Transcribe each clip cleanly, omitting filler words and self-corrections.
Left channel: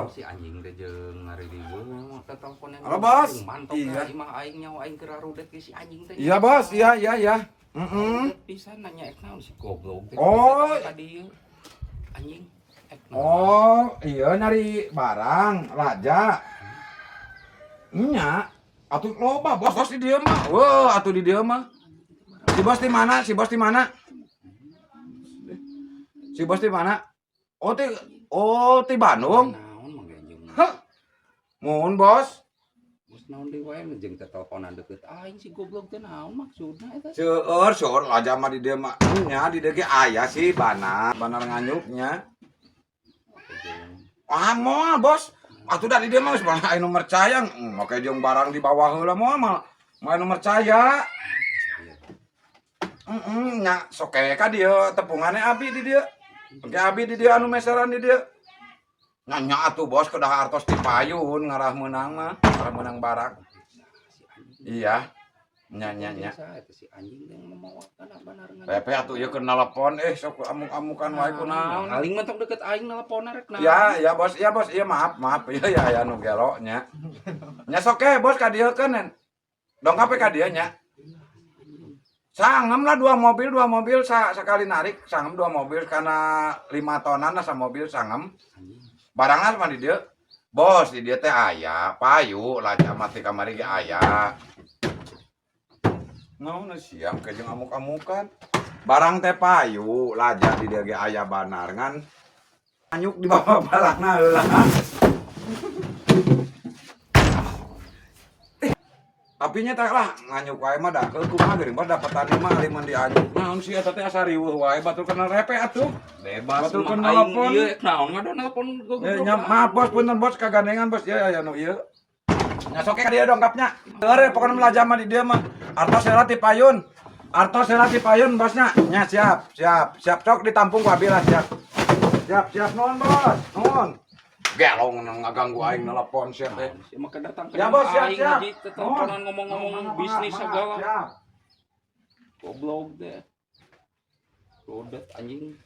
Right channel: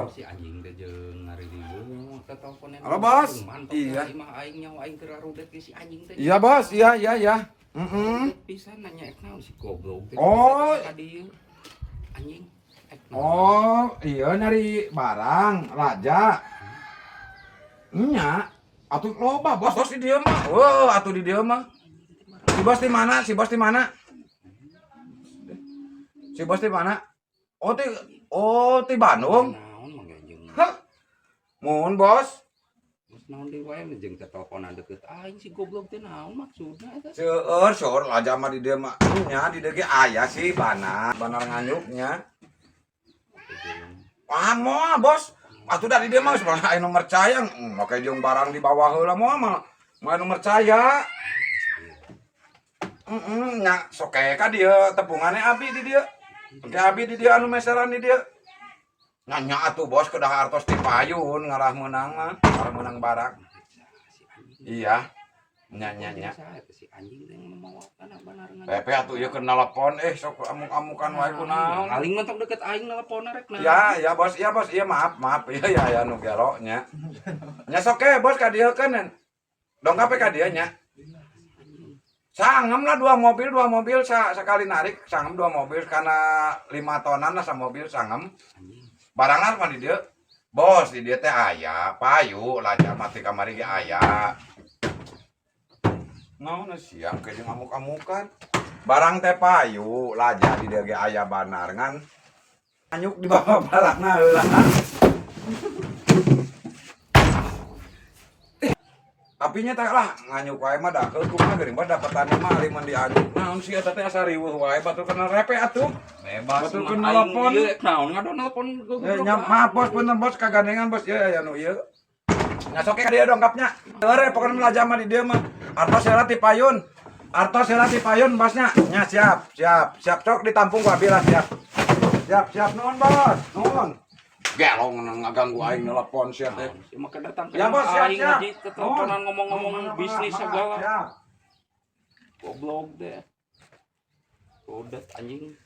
Halo. Si anjing teh jeung ngari di dieu ka teleponna. Halo, Bos. Iya. Iya. Mah aing nyawa aing keur arudet ge si anjing teh. Iya, Bos. Iya. Pisan nanya ek naon si goblok teh. Oh. Ka dieu. Anjing ek naon. Oh, iya nyari barang raja. Nya, atuh loba bos di dieu mah. Oh, atuh di dieu mah. Si bos di mana? Si bos di mana? Si bos di mana? Oh, ti Bandung. Naon mah jeung. Hah. Mun bos. Bos naon deui wae jeung teh teleponan deukeut aing si goblok teh naon maksudna eta? Seueur raja mah di dieu mah. Nya di dieu ge aya si banar nganyuknya. Ah, moal bos. Atuh dari dia mah sebenarnya aya nomor caya, make jeung barang di bawah heula moal mah nomor caya. Nya soke ka dieu tepungane abi di dieu. Engke abi di dieu anu meseran di dieu. Nya atuh bos kedah artos ti payun ngarah meunang mah, ngarah meunang barang. Iya. Nya. Si anjing teh mau kana benar nganya. Pepe atuh ieu keur nelpon sok amuk-amukan wae kunaon. Aling mentok deket aing nelponna rek nah. Ya bos, iya maaf. Iya anu gelo nya. Nya sok bos ka dieu keun. Dongkap ka dieu nya. Sangem lah dua mobil sakali narik, sangem 2 mobil kana 5 tonan lah mobil sangem. Barangan mah di dieu. Bos di dieu teh aya payu laja mati kamari ge aya. Naon siang ke jeung amuk-amukan. Barang teh payu laja di dieu ge aya banar ngan anyuk di bawah balakna heula. Tapi nya teh lah nganyuk wae mah da kumaha geuring mah dapetan mah ari mun dianyuk. Naon sih eta teh asa riweuh wae batur kena repe atuh. Bebas batur mah kena aing telepon. ieu naon ngado nelpon goblok. Ya maaf bos bener bos kagandengan bos ya anu ieu. Nya sok ka dieu dongkapnya. Heure pokona mah mah di dieu mah. Artos heula ti payun bosnya. Nya siap sok ditampung ku abi lah siap. Siap nuhun bos. Nuhun. Gelong ngaganggu aing nelpon sia teh. Mah kedatang ka Ya bos siap. aing teleponan ngomong-ngomong bisnis segala. Siap. Goblok deh. Udah anjing.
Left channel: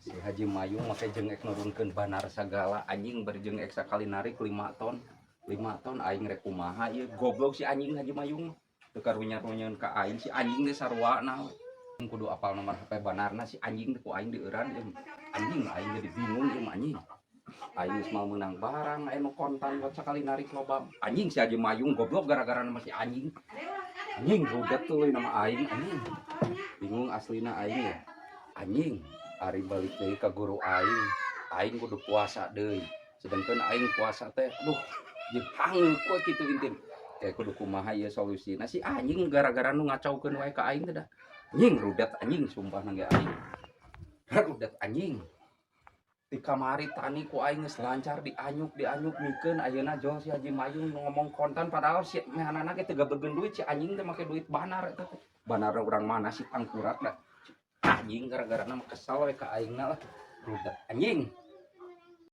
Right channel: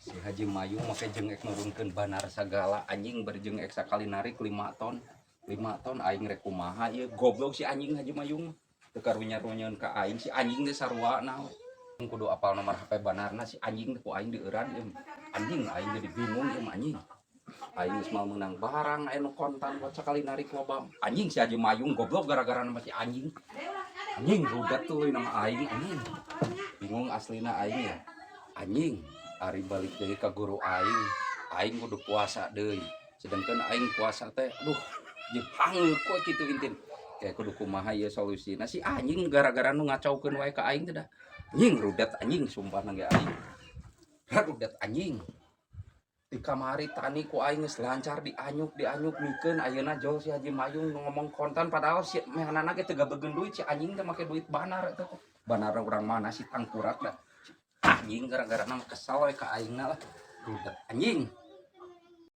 Si Haji Mayung make jeung ek nurunkeun banar sagala anjing berjeng ek sakali narik 5 ton. 5 ton aing rek kumaha ieu goblok si anjing Haji Mayung. Teu karunya-runyeun ka aing si anjing teh sarwana we. Kudu apal nomor HP banarna si anjing teh ku aing dieuran anjing aing jadi bingung ieu anjing. Aing geus mau menang barang aya nu kontan buat sakali narik loba. Anjing si Haji Mayung goblok gara-gara nama si anjing. Anjing rudet tuh nama aing anjing. Bingung aslina aing ya. Anjing ari balik deui ka guru aing kudu puasa deui. Sedangkan aing puasa teh aduh jeung hangeuk we kitu intin. Kayak kudu kumaha ieu solusina si anjing gara-gara nu ngacaukeun wae ka aing teh da. Anjing rudet anjing sumpah ge aing. Rudet anjing. Di kamari tani ku aing geus lancar dianyuk mikeun ayeuna jol si Haji Mayung ngomong kontan padahal si mehanana ge teu gabeugeun duit si anjing teh make duit banar eta teh. Banar urang mana si tangkurak da. Anjing gara-gara mah kesal we ka aingna lah. Rudet anjing.